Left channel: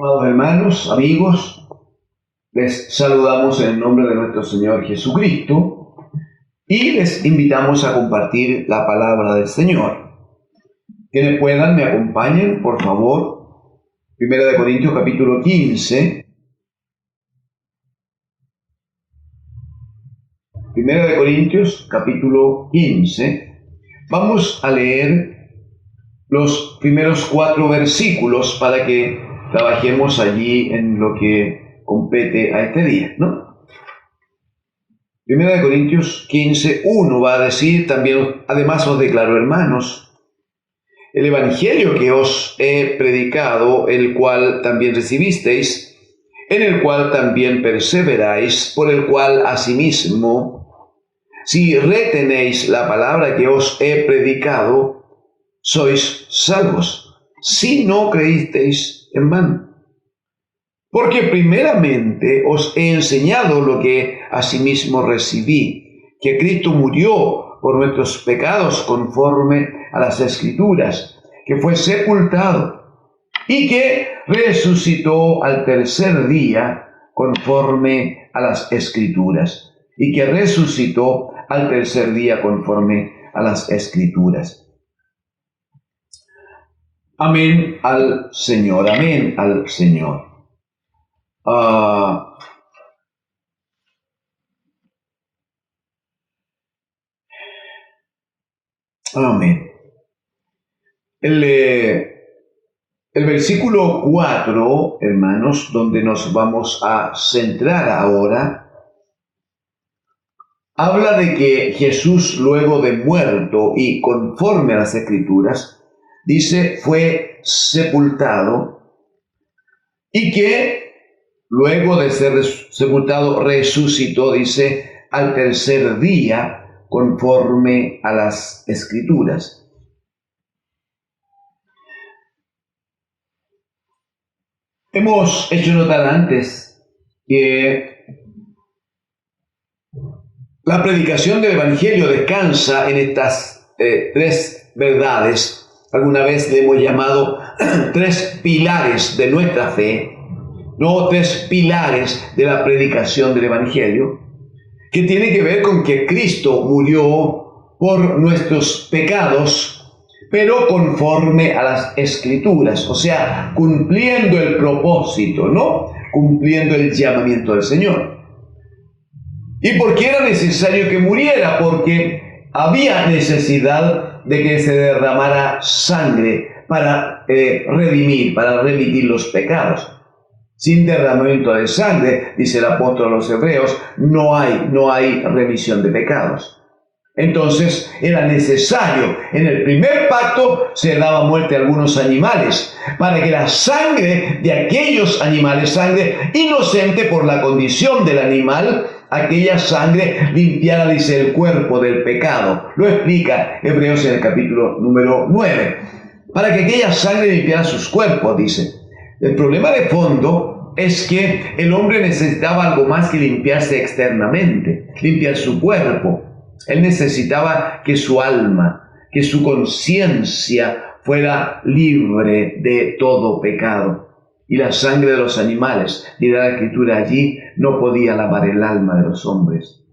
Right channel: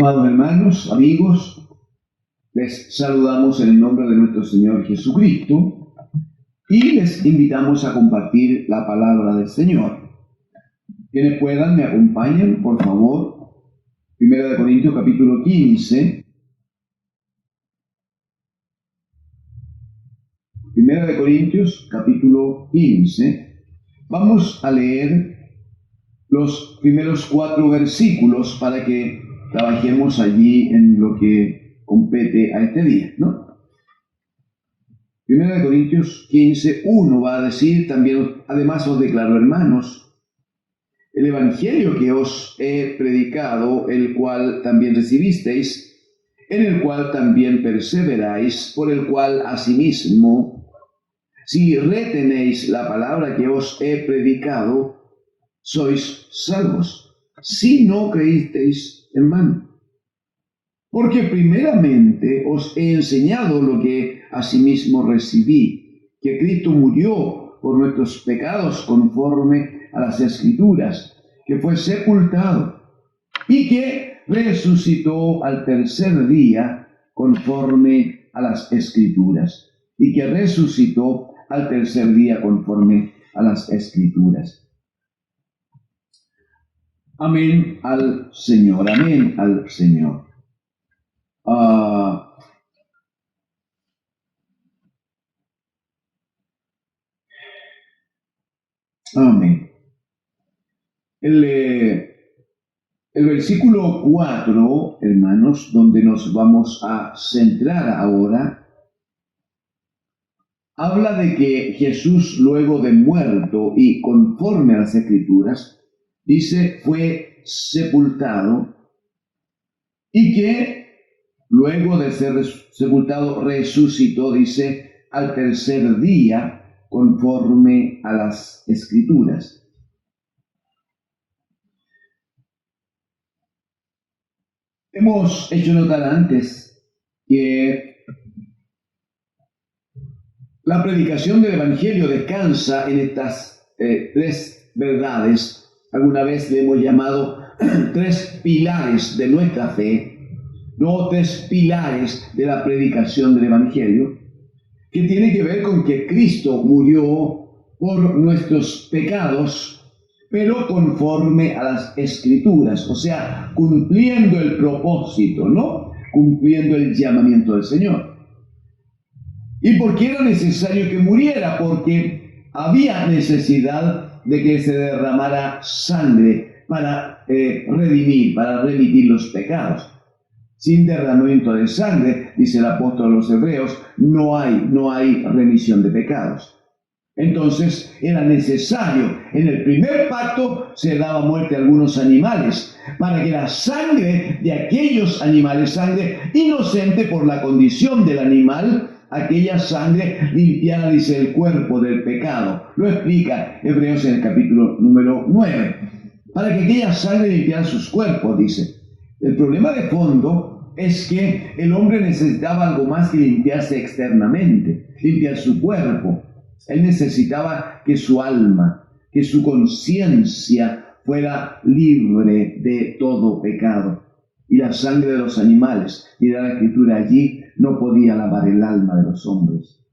Amados hermanos, amigos, les saludamos en el nombre de nuestro Señor Jesucristo y les invitamos a compartir la palabra del Señor. Quienes puedan, me acompañen, por favor. 1 Corintios capítulo 15. 1 Corintios capítulo 15. Vamos a leer los primeros 4 versículos para que trabajemos allí en lo que compete a este día, ¿no? 1 Corintios 15, 1 va a decir también: además os declaro, hermanos, el evangelio que os he predicado, el cual también recibisteis, en el cual también perseveráis, por el cual asimismo, si retenéis la palabra que os he predicado, sois salvos, si no creísteis en vano. Porque primeramente os he enseñado lo que asimismo recibí, que Cristo murió por nuestros pecados conforme a las Escrituras, que fue sepultado y que resucitó al tercer día conforme a las Escrituras, y que resucitó al tercer día conforme a las Escrituras. Amén al Señor, amén al Señor. Amén. El versículo 4, hermanos, donde nos vamos a centrar ahora, habla de que Jesús, luego de muerto y conforme a las Escrituras, dice, fue sepultado, y que luego de ser sepultado resucitó, dice, al tercer día conforme a las Escrituras. Hemos hecho notar antes que la predicación del Evangelio descansa en estas 3 verdades. Alguna vez le hemos llamado 3 pilares de nuestra fe, no 3 pilares de la predicación del Evangelio, que tiene que ver con que Cristo murió por nuestros pecados, pero conforme a las Escrituras, o sea, cumpliendo el propósito, ¿no? Cumpliendo el llamamiento del Señor. ¿Y por qué era necesario que muriera? Porque había necesidad de que se derramara sangre para redimir, para remitir los pecados. Sin derramamiento de sangre, dice el apóstol a los Hebreos, no hay remisión de pecados. Entonces era necesario, en el primer pacto se daba muerte a algunos animales, para que la sangre de aquellos animales, sangre inocente por la condición del animal, aquella sangre limpiara, dice, el cuerpo del pecado. Lo explica Hebreos en el capítulo número 9. Para que aquella sangre limpiara sus cuerpos, dice. El problema de fondo es que el hombre necesitaba algo más que limpiarse externamente, limpiar su cuerpo. Él necesitaba que su alma, que su conciencia fuera libre de todo pecado. Y la sangre de los animales, dirá la Escritura allí, no podía lavar el alma de los hombres.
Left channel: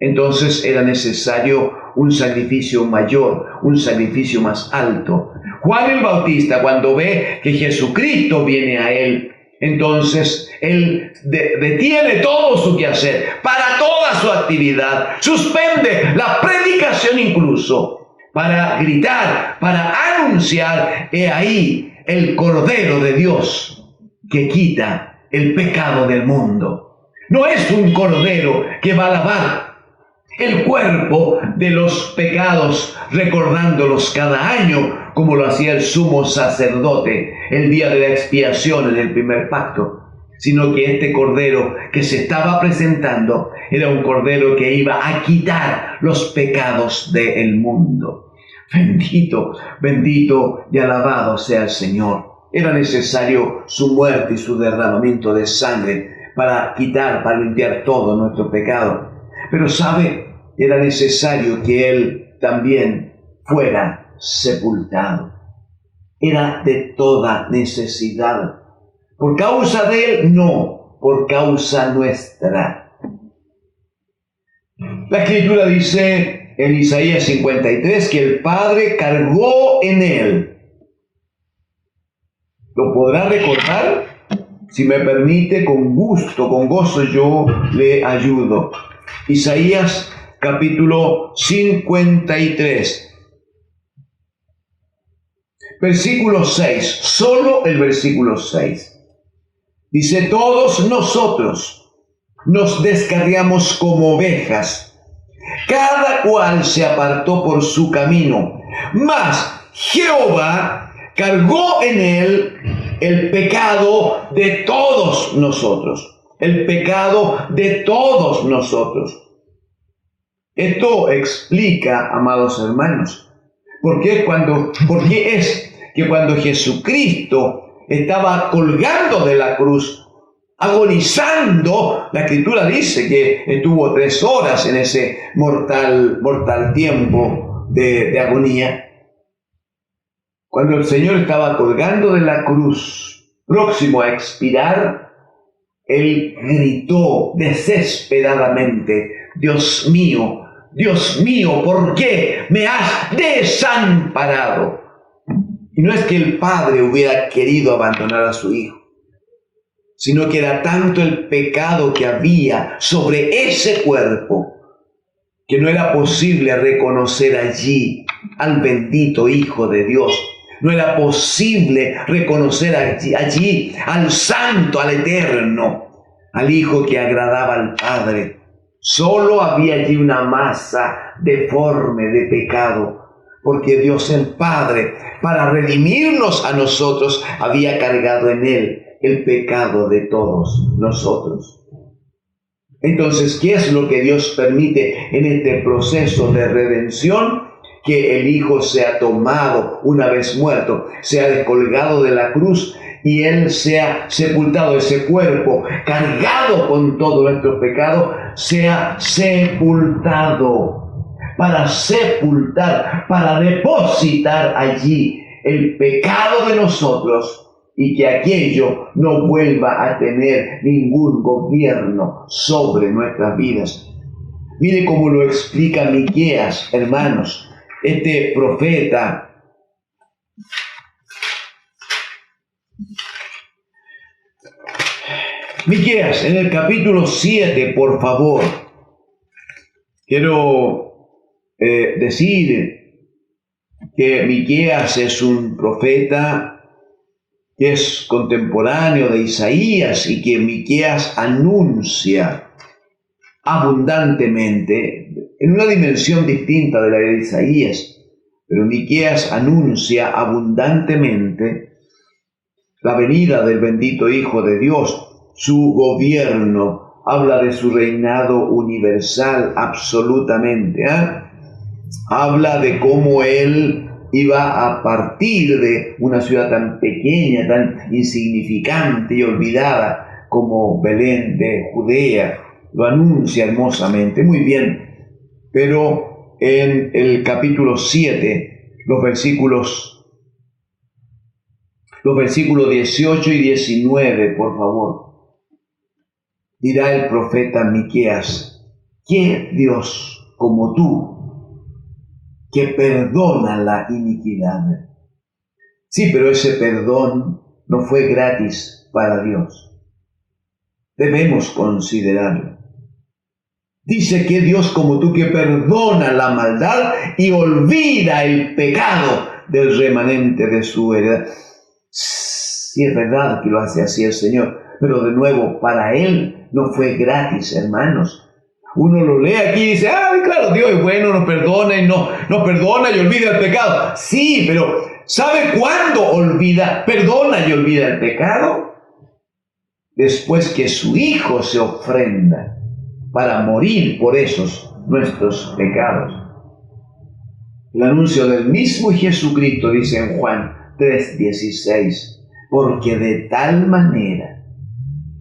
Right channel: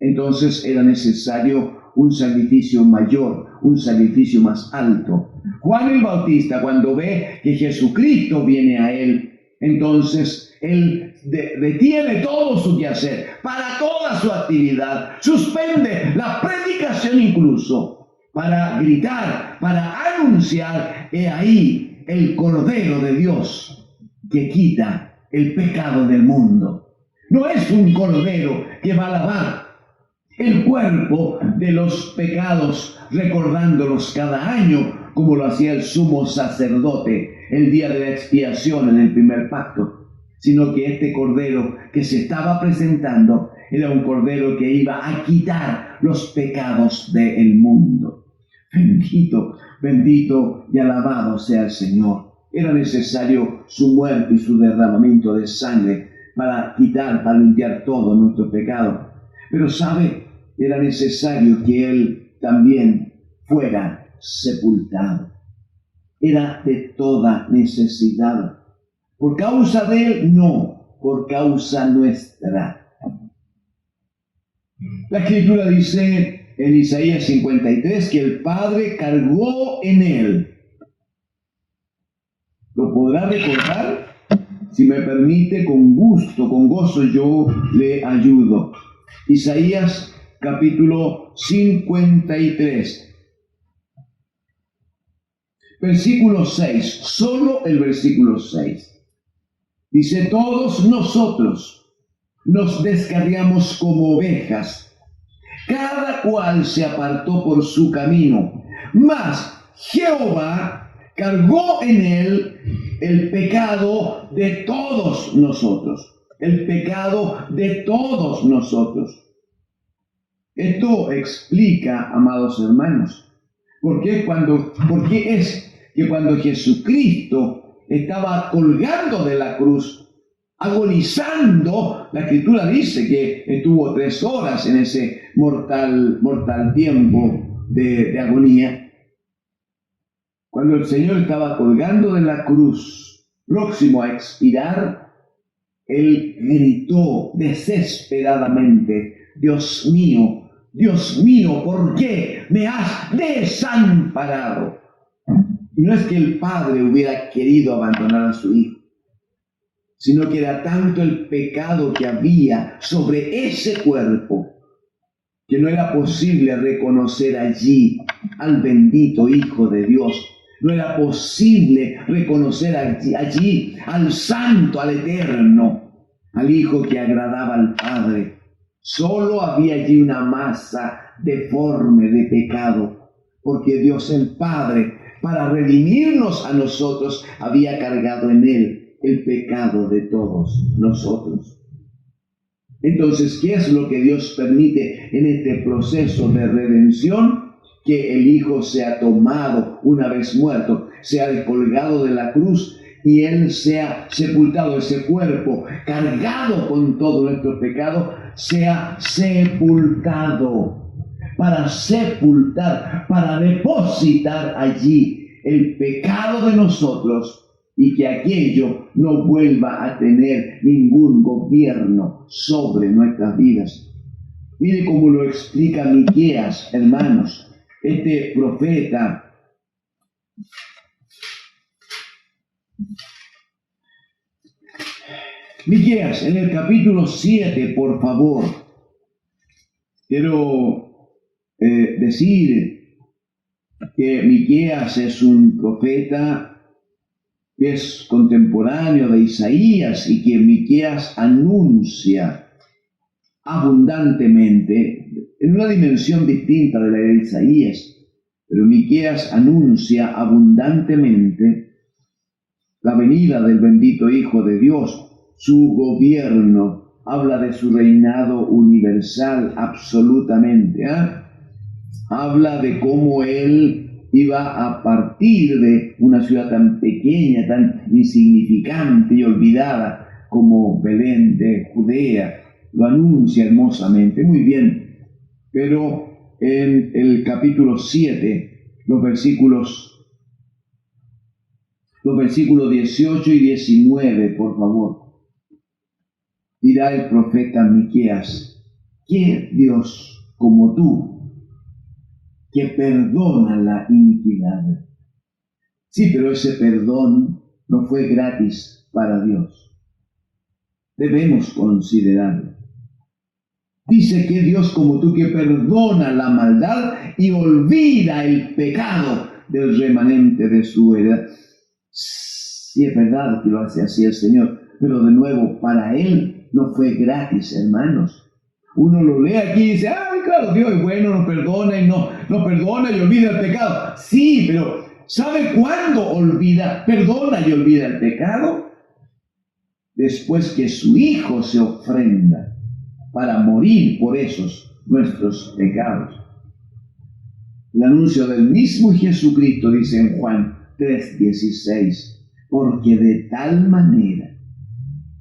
Entonces era necesario un sacrificio mayor, un sacrificio más alto. Juan el Bautista, cuando ve que Jesucristo viene a él, entonces él detiene todo su quehacer, para toda su actividad, suspende la predicación incluso, para gritar, para anunciar, he ahí el Cordero de Dios que quita el pecado del mundo. No es un cordero que va a lavar el cuerpo de los pecados, recordándolos cada año, como lo hacía el sumo sacerdote el día de la expiación en el primer pacto, sino que este cordero que se estaba presentando era un cordero que iba a quitar los pecados del mundo. Bendito, bendito y alabado sea el Señor. Era necesario su muerte y su derramamiento de sangre para quitar, para limpiar todo nuestro pecado. Pero sabe, era necesario que Él también fuera sepultado. Era de toda necesidad Por causa de Él, no, por causa nuestra. La Escritura dice en Isaías 53 que el Padre cargó en Él. ¿Lo podrá recordar? Si me permite, con gusto, con gozo yo le ayudo. Isaías capítulo 53. Versículo 6, solo el versículo 6. Dice, todos nosotros nos descarriamos como ovejas, cada cual se apartó por su camino, mas Jehová cargó en él el pecado de todos nosotros, el pecado de todos nosotros. Esto explica, amados hermanos, por qué es que cuando Jesucristo estaba colgando de la cruz, agonizando, la Escritura dice que estuvo 3 horas en ese mortal tiempo de agonía. Cuando el Señor estaba colgando de la cruz, próximo a expirar, Él gritó desesperadamente, Dios mío, ¿por qué me has desamparado? Y no es que el Padre hubiera querido abandonar a su Hijo, sino que era tanto el pecado que había sobre ese cuerpo que no era posible reconocer allí al bendito Hijo de Dios. No era posible reconocer allí al Santo, al Eterno, al Hijo que agradaba al Padre. Solo había allí una masa deforme de pecado, porque Dios el Padre, para redimirnos a nosotros, había cargado en Él el pecado de todos nosotros. Entonces, ¿qué es lo que Dios permite en este proceso de redención? Que el Hijo sea tomado una vez muerto, sea descolgado de la cruz y Él sea sepultado, ese cuerpo cargado con todo nuestro pecado, sea sepultado, para sepultar, para depositar allí el pecado de nosotros y que aquello no vuelva a tener ningún gobierno sobre nuestras vidas. Mire cómo lo explica Miqueas, hermanos, este profeta. Miqueas, en el capítulo 7, por favor, quiero decir que Miqueas es un profeta que es contemporáneo de Isaías y que Miqueas anuncia abundantemente en una dimensión distinta de la de Isaías, pero Miqueas anuncia abundantemente la venida del bendito Hijo de Dios, su gobierno, habla de su reinado universal absolutamente, habla de cómo Él iba a partir de una ciudad tan pequeña, tan insignificante y olvidada como Belén de Judea. Lo anuncia hermosamente, muy bien, pero en el capítulo 7, los versículos 18 y 19, por favor, dirá el profeta Miqueas, ¿qué Dios como tú, que perdona la iniquidad? Sí, pero ese perdón no fue gratis para Dios. Debemos considerarlo. Dice que Dios como tú, que perdona la maldad y olvida el pecado del remanente de su heredad. Sí, es verdad que lo hace así el Señor, pero de nuevo, para Él no fue gratis, hermanos. Uno lo lee aquí y dice, claro, Dios es bueno, nos perdona y nos perdona y olvida el pecado. Sí, pero ¿sabe cuándo perdona y olvida el pecado? Después que su Hijo se ofrenda para morir por esos nuestros pecados. El anuncio del mismo Jesucristo dice en Juan 3:16, porque de tal manera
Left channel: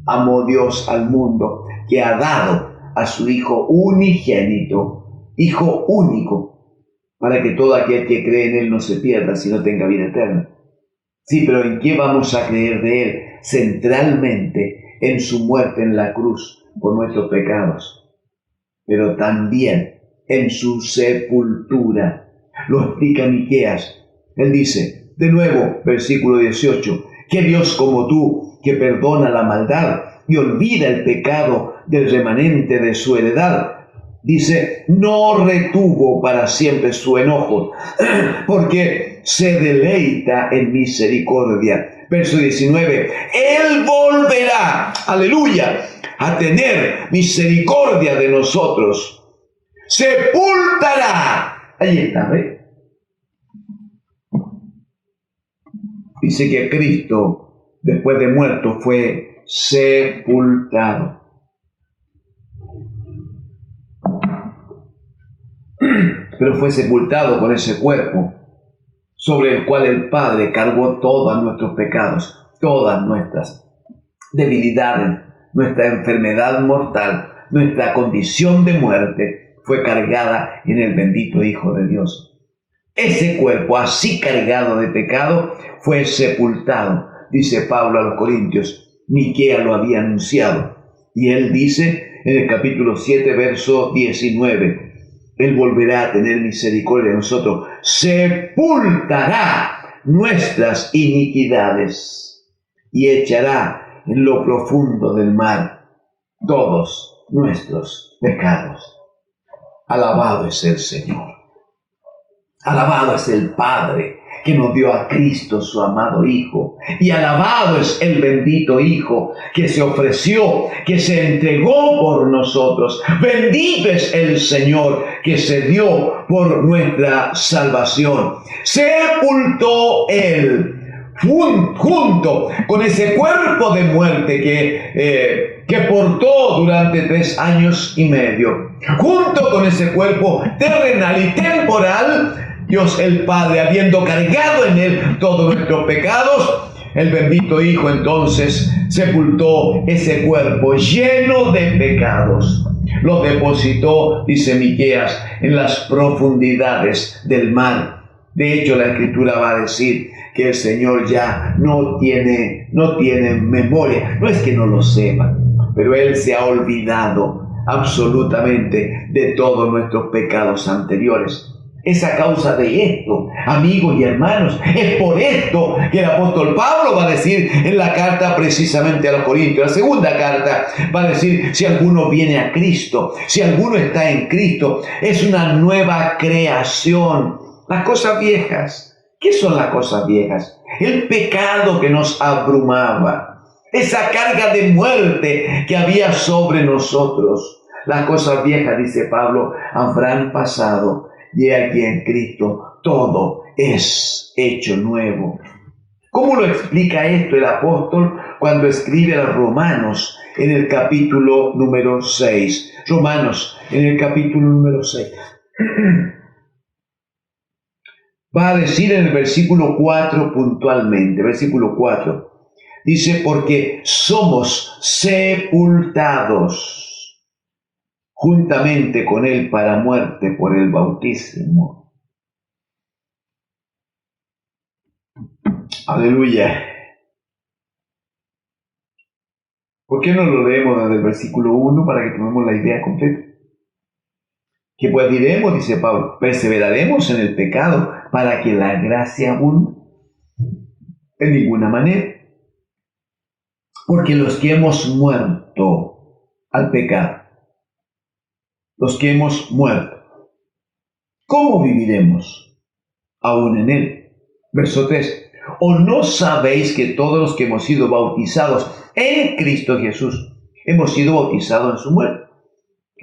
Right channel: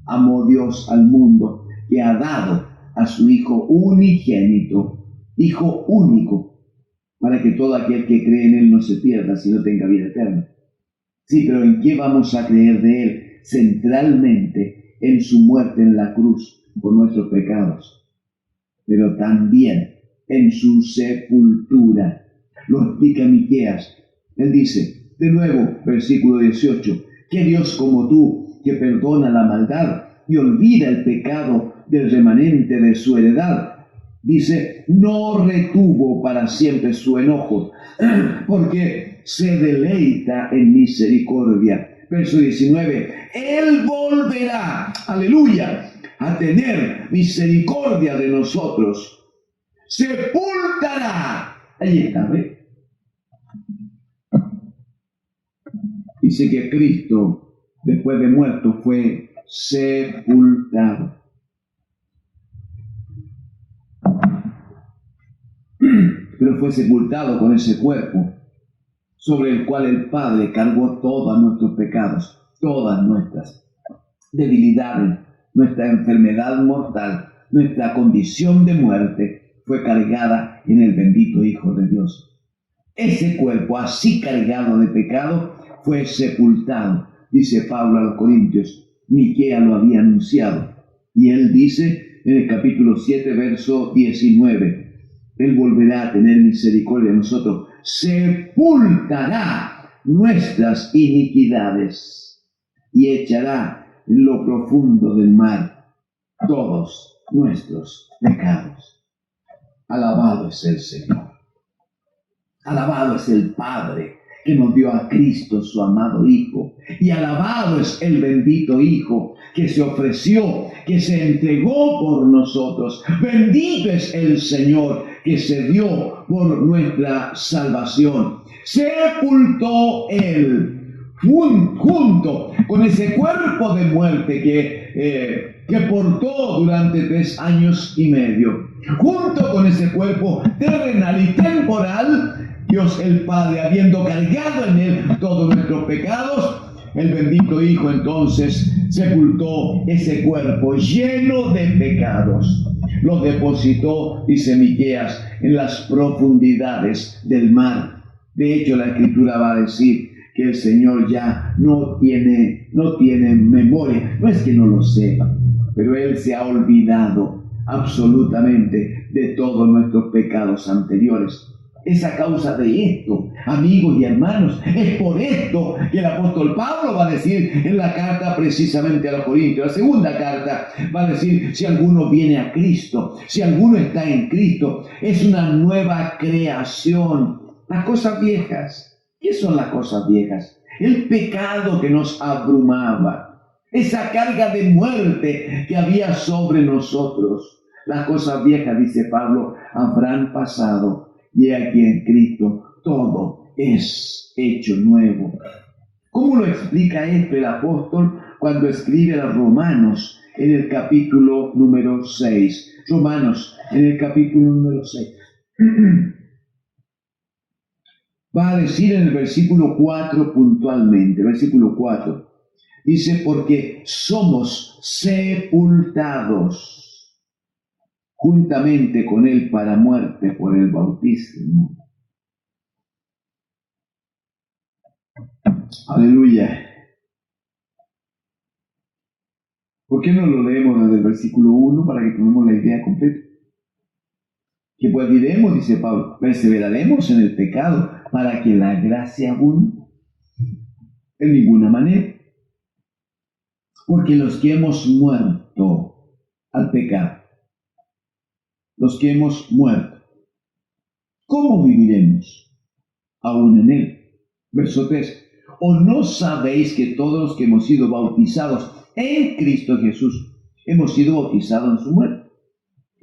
amó Dios al mundo que ha dado a su Hijo unigénito, Hijo único, para que todo aquel que cree en Él no se pierda, sino tenga vida eterna. Sí, pero ¿en qué vamos a creer de Él? centralmente en su muerte en la cruz por nuestros pecados, pero también en su sepultura. Lo explica Miqueas. Él dice, de nuevo, versículo 18, que Dios como tú, que perdona la maldad y olvida el pecado del remanente de su heredad, dice, no retuvo para siempre su enojo, porque se deleita en misericordia. Verso 19, Él volverá, aleluya, a tener misericordia de nosotros. Sepultará. Ahí está, ¿ve? Dice que Cristo, después de muerto, fue sepultado. Pero fue sepultado con ese cuerpo sobre el cual el Padre cargó todos nuestros pecados, todas nuestras debilidades, nuestra enfermedad mortal, nuestra condición de muerte fue cargada en el bendito Hijo de Dios. Ese cuerpo así cargado de pecado fue sepultado, dice Pablo a los Corintios. Miqueas lo había anunciado. Y él dice en el capítulo 7, verso 19, Él volverá a tener misericordia de nosotros, sepultará nuestras iniquidades y echará en lo profundo del mar todos nuestros pecados. Alabado es el Señor. Alabado es el Padre que nos dio a Cristo, su amado Hijo. Y alabado es el bendito Hijo que se ofreció, que se entregó por nosotros. Bendito es el Señor que se dio por nuestra salvación. Sepultó Él junto con ese cuerpo de muerte que portó durante 3 años y medio. Junto con ese cuerpo terrenal y temporal, Dios el Padre, habiendo cargado en Él todos nuestros pecados, el bendito Hijo entonces sepultó ese cuerpo lleno de pecados. Lo depositó, dice Miqueas, en las profundidades del mar. De hecho, la Escritura va a decir que el Señor ya no tiene memoria. No es que no lo sepa, pero Él se ha olvidado absolutamente de todos nuestros pecados anteriores. Es a causa de esto, amigos y hermanos, es por esto que el apóstol Pablo va a decir en la carta precisamente a los Corintios, la segunda carta, va a decir, si alguno viene a Cristo, si alguno está en Cristo, es una nueva creación. Las cosas viejas, ¿qué son las cosas viejas? El pecado que nos abrumaba, esa carga de muerte que había sobre nosotros. Las cosas viejas, dice Pablo, habrán pasado. Y aquí en Cristo todo es hecho nuevo. ¿Cómo lo explica esto el apóstol cuando escribe a los Romanos en el capítulo número 6? Romanos en el capítulo número 6. Va a decir en el versículo 4 puntualmente, versículo 4. Dice, porque somos sepultados juntamente con Él para muerte por el bautismo. Aleluya. ¿Por qué no lo leemos desde el versículo 1 para que tomemos la idea completa? Que pues diremos, dice Pablo, perseveraremos en el pecado para que la gracia abunde. En ninguna manera. Porque los que hemos muerto al pecado, los que hemos muerto, ¿cómo viviremos aún en él? Verso 3. ¿O no sabéis que todos los que hemos sido bautizados en Cristo Jesús, hemos sido bautizados en su muerte?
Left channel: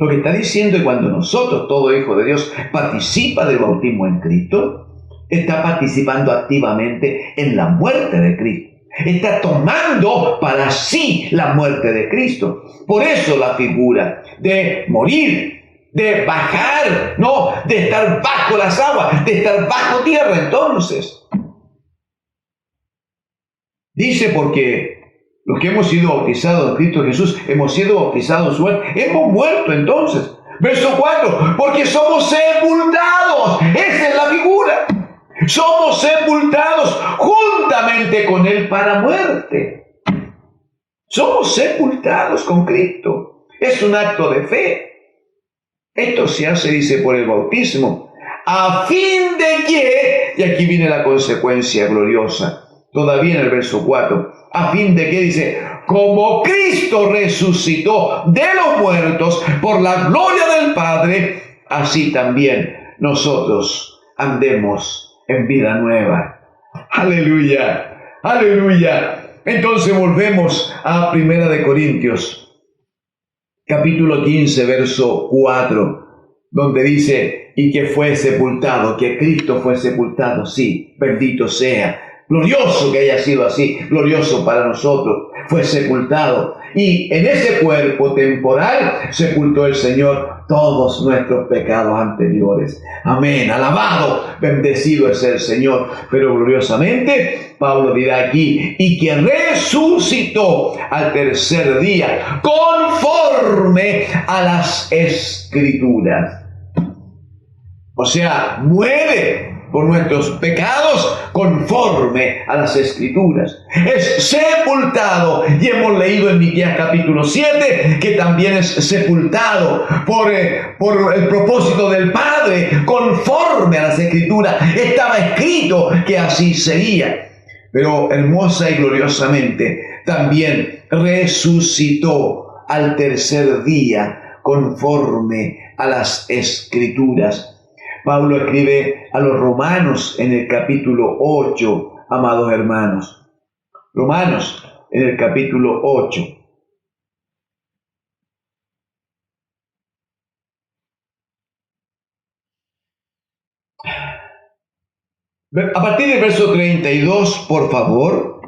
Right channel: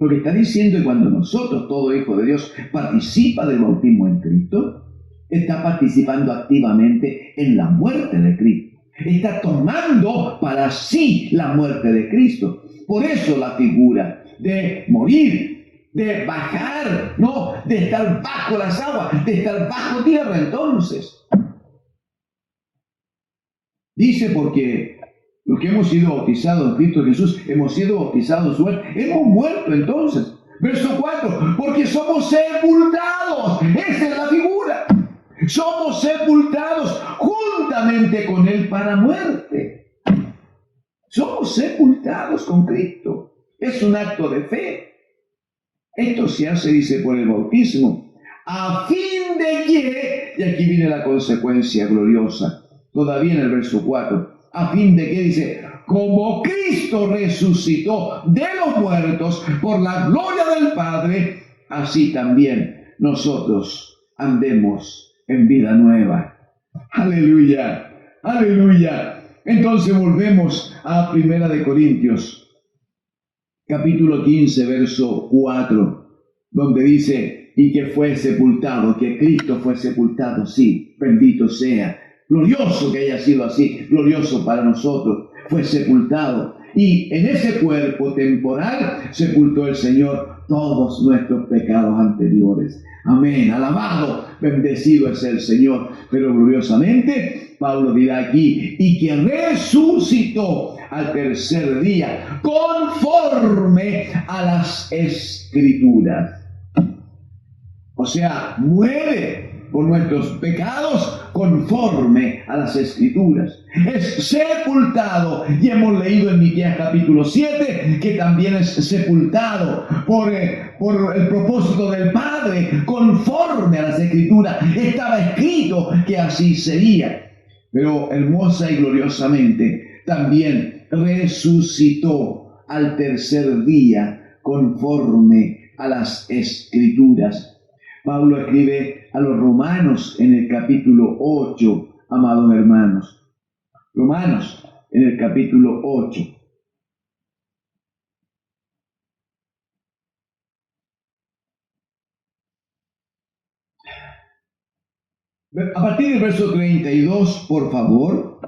Lo que está diciendo es cuando nosotros, todo hijo de Dios, participa del bautismo en Cristo, está participando activamente en la muerte de Cristo. Está tomando para sí la muerte de Cristo. Por eso la figura de morir, de bajar, no, de estar bajo las aguas, de estar bajo tierra. Entonces, dice, porque los que hemos sido bautizados en Cristo Jesús, hemos sido bautizados en su muerte, hemos muerto entonces. Verso 4, porque somos sepultados. Esa es la figura. Somos sepultados juntamente con Él para muerte. Somos sepultados con Cristo. Es un acto de fe. Esto se hace, dice, por el bautismo, a fin de que, y aquí viene la consecuencia gloriosa, todavía en el verso 4, a fin de que, dice, como Cristo resucitó de los muertos por la gloria del Padre, así también nosotros andemos en vida nueva. Aleluya, aleluya. Entonces volvemos a 1 Corintios, capítulo 15, verso 4, donde dice, y que fue sepultado, que Cristo fue sepultado, sí, bendito sea, glorioso que haya sido así, glorioso para nosotros, fue sepultado, y en ese cuerpo temporal sepultó el Señor todos nuestros pecados anteriores. Amén, alabado, bendecido es el Señor. Pero gloriosamente, Pablo dirá aquí, y que resucitó al tercer día, conforme a las Escrituras. O sea, muere por nuestros pecados conforme a las Escrituras. Es sepultado, y hemos leído en Miqueas capítulo 7 que también es sepultado por el propósito del Padre, conforme a las Escrituras. Estaba escrito que así sería. Pero hermosa y gloriosamente también resucitó al tercer día conforme a las Escrituras. Pablo escribe a los romanos en el capítulo 8, amados hermanos. Romanos en el capítulo 8. A partir del verso 32, por favor,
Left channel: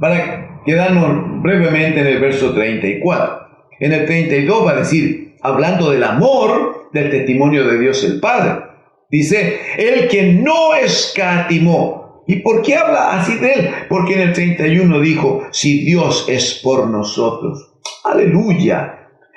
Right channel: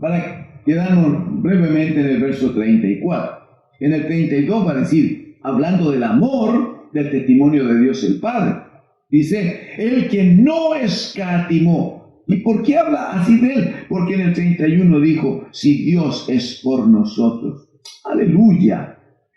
para quedarnos brevemente en el verso 34. En el 32 va a decir, hablando del amor, del testimonio de Dios el Padre. Dice, el que no escatimó. ¿Y por qué habla así de él? Porque en el 31 dijo, si Dios es por nosotros. Aleluya.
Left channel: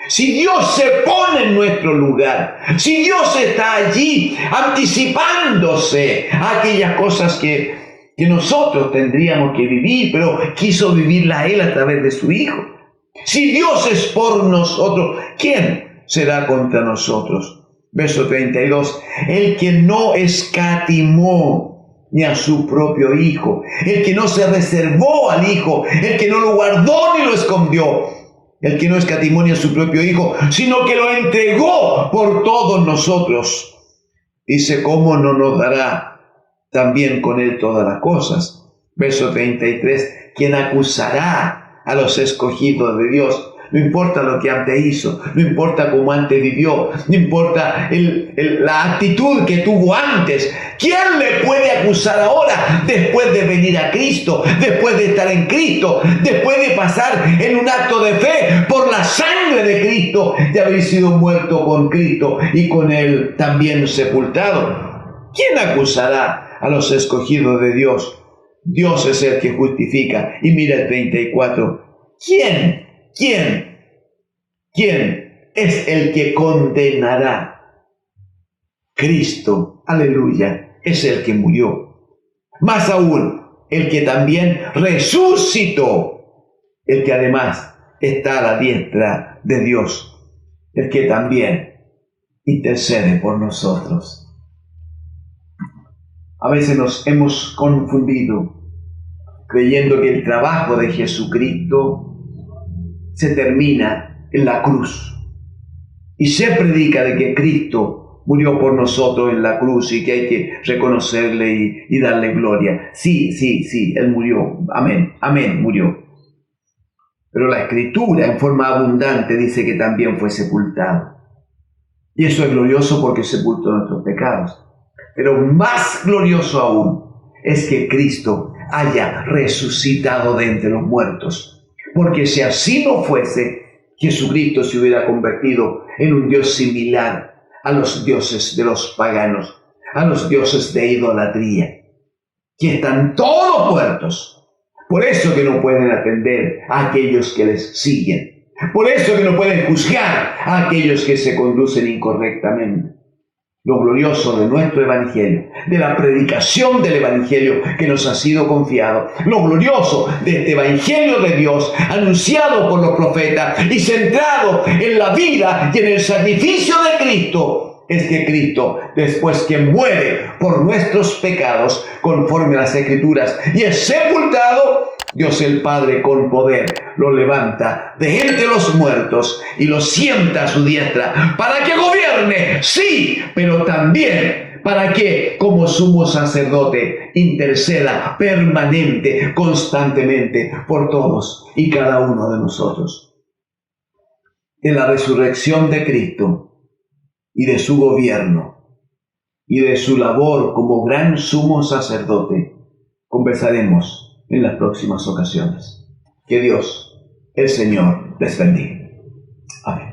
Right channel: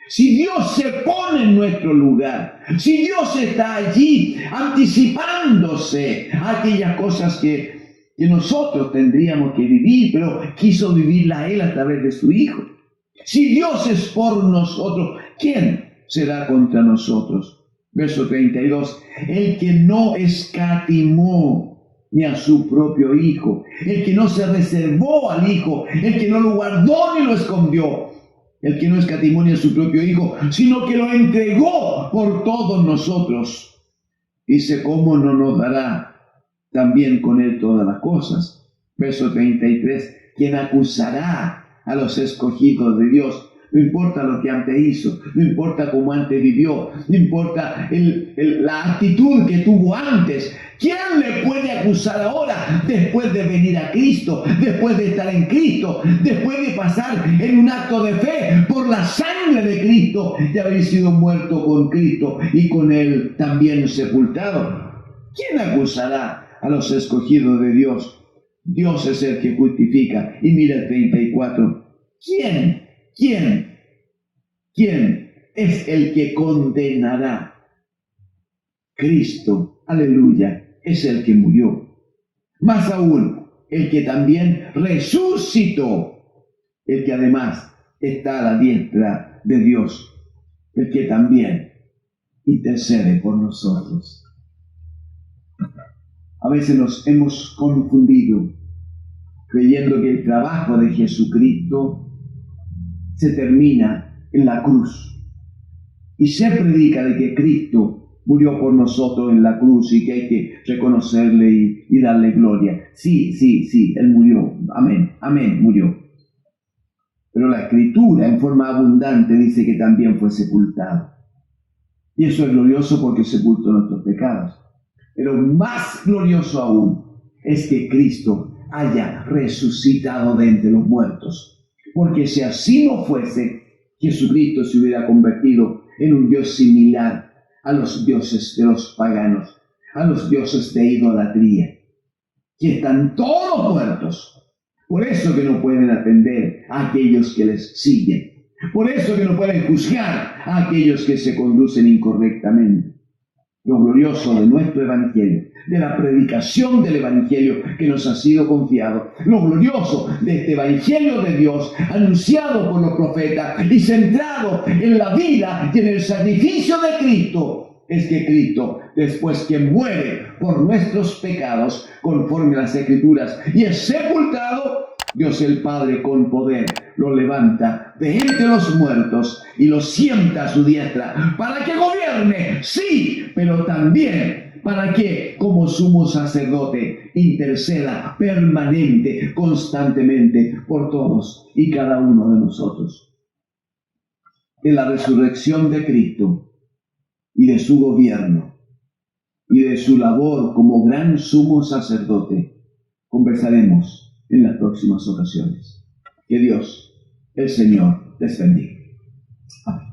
Si Dios se pone en nuestro lugar, si Dios está allí anticipándose a aquellas cosas que nosotros tendríamos que vivir, pero quiso vivirla Él a través de su Hijo. Si Dios es por nosotros, ¿quién será contra nosotros? Verso 32, el que no escatimó ni a su propio Hijo, el que no se reservó al Hijo, el que no lo guardó ni lo escondió, el que no escatimó ni a su propio Hijo, sino que lo entregó por todos nosotros. Dice, ¿cómo no nos dará también con Él todas las cosas? Verso 33, ¿quién acusará a los escogidos de Dios? No importa lo que antes hizo, no importa cómo antes vivió, no importa la actitud que tuvo antes. ¿Quién le puede acusar ahora después de venir a Cristo, después de estar en Cristo, después de pasar en un acto de fe por la sangre de Cristo, de haber sido muerto con Cristo y con Él también sepultado? ¿Quién acusará a los escogidos de Dios? Dios es el que justifica. Y mira el 34. ¿Quién es el que condenará? Cristo, aleluya, es el que murió. Más aún, el que también resucitó, el que además está a la diestra de Dios, el que también intercede por nosotros. A veces nos hemos confundido creyendo que el trabajo de Jesucristo se termina en la cruz. Y se predica de que Cristo murió por nosotros en la cruz y que hay que reconocerle y darle gloria. Sí, Él murió. Amén, murió. Pero la Escritura en forma abundante dice que también fue sepultado. Y eso es glorioso porque sepultó nuestros pecados. Pero más glorioso aún es que Cristo haya resucitado de entre los muertos. Porque si así no fuese, Jesucristo se hubiera convertido en un Dios similar a los dioses de los paganos, a los dioses de idolatría, que están todos muertos. Por eso que no pueden atender a aquellos que les siguen. Por eso que no pueden juzgar a aquellos que se conducen incorrectamente. lo glorioso de nuestro Evangelio, de la predicación del Evangelio que nos ha sido confiado, lo glorioso de este Evangelio de Dios, anunciado por los profetas y centrado en la vida y en el sacrificio de Cristo, es que Cristo, después que muere por nuestros pecados, conforme a las Escrituras, y es sepultado, Dios el Padre con poder lo levanta de entre los muertos y lo sienta a su diestra para que gobierne, sí, pero también para que como sumo sacerdote interceda permanente, constantemente por todos y cada uno de nosotros. De la resurrección de Cristo y de su gobierno y de su labor como gran sumo sacerdote conversaremos en las próximas ocasiones. Que Dios, el Señor, les bendiga. Amén.